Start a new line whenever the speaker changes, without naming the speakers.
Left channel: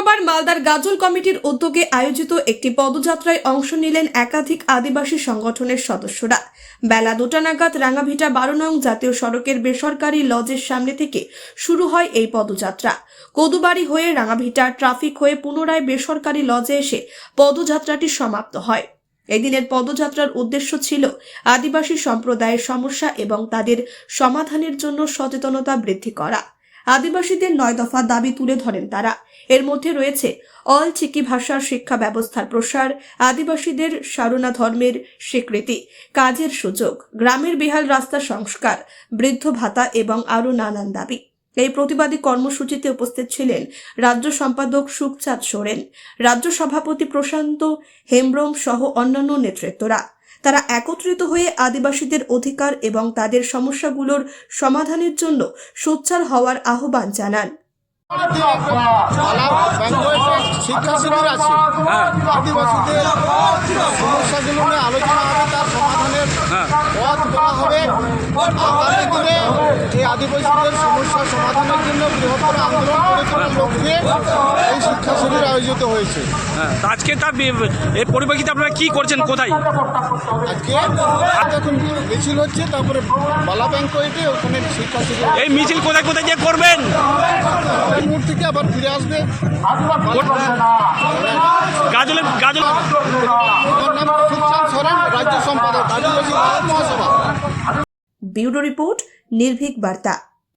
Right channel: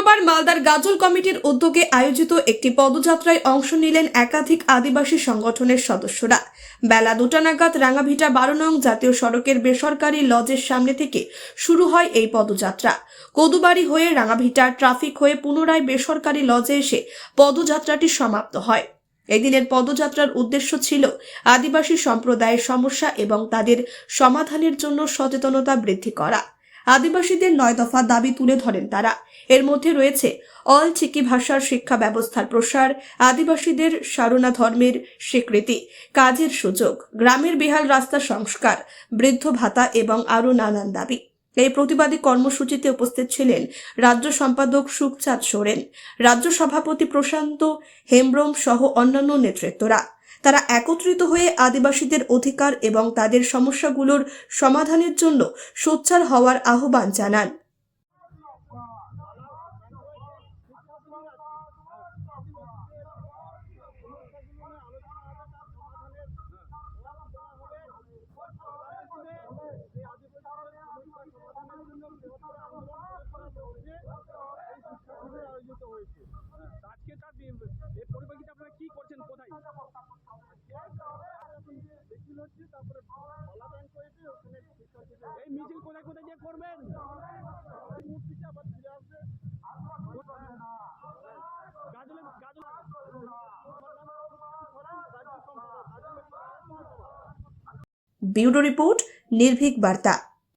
শুক্রবার মালদার গাজল কমিটির উদ্যোগে আয়োজিত একটি পদযাত্রায় অংশ নিলেন একাধিক আদিবাসী সংগঠনের সদস্যরা। বেলা দুটা নাগাদ রাঙাভিটা বারো নং জাতীয় সড়কের বেসরকারি লজের সামনে থেকে শুরু হয় এই পদযাত্রা। কদুবাড়ি হয়ে রাঙাভিটা ট্রাফিক হয়ে পুনরায় বেসরকারি লজে এসে পদযাত্রাটি সমাপ্ত হয়। এদিনের পদযাত্রার উদ্দেশ্য ছিল আদিবাসী সম্প্রদায়ের সমস্যা এবং তাদের সমাধানের জন্য সচেতনতা বৃদ্ধি করা। আদিবাসীদের নয় দফা দাবি তুলে ধরেন তারা। এর মধ্যে রয়েছে অল চিকি ভাষার শিক্ষা ব্যবস্থার প্রসার, আদিবাসীদের সারনা ধর্মের স্বীকৃতি, কাজের সুযোগ, গ্রামের বেহাল রাস্তা সংস্কার, বৃদ্ধ ভাতা এবং আরও নানান দাবি। এই প্রতিবাদী কর্মসূচিতে উপস্থিত ছিলেন রাজ্য সম্পাদক সুখচাঁদ সোরেন, রাজ্য সভাপতি প্রশান্ত হেমব্রম সহ অন্যান্য নেতৃত্বরা। তারা একত্রিত হয়ে আদিবাসীদের অধিকার এবং তাদের সমস্যাগুলোর সমাধানের জন্য সোচ্চার হওয়ার আহ্বান জানান।
আদিবাসীদের সমস্যা সমাধানের জন্য বৃহত্তর আন্দোলন লক্ষ্যে এই শিক্ষা শিবির আয়োজিত হয়েছে।
হ্যাঁ তা আজকে তার বি- এর পরিপ্রেক্ষিতে আপনারা কি করছেন কোথায়?
আজকে এখন মিছিল হচ্ছে তারপরে বালা ব্যাঙ্কয়েটে ওখানে শিক্ষা শিবির
এই মিছিল কোথায় কোথায় যে করবেন?
মুহূর্ত থেকে আবার ফিরে আসবে?
গাজলে গাজল
আমার নাম রাজ্য সম্পাদক আদিবাসী মহাসভা।
ব্যুরো রিপোর্ট নির্ভীক বার্তা।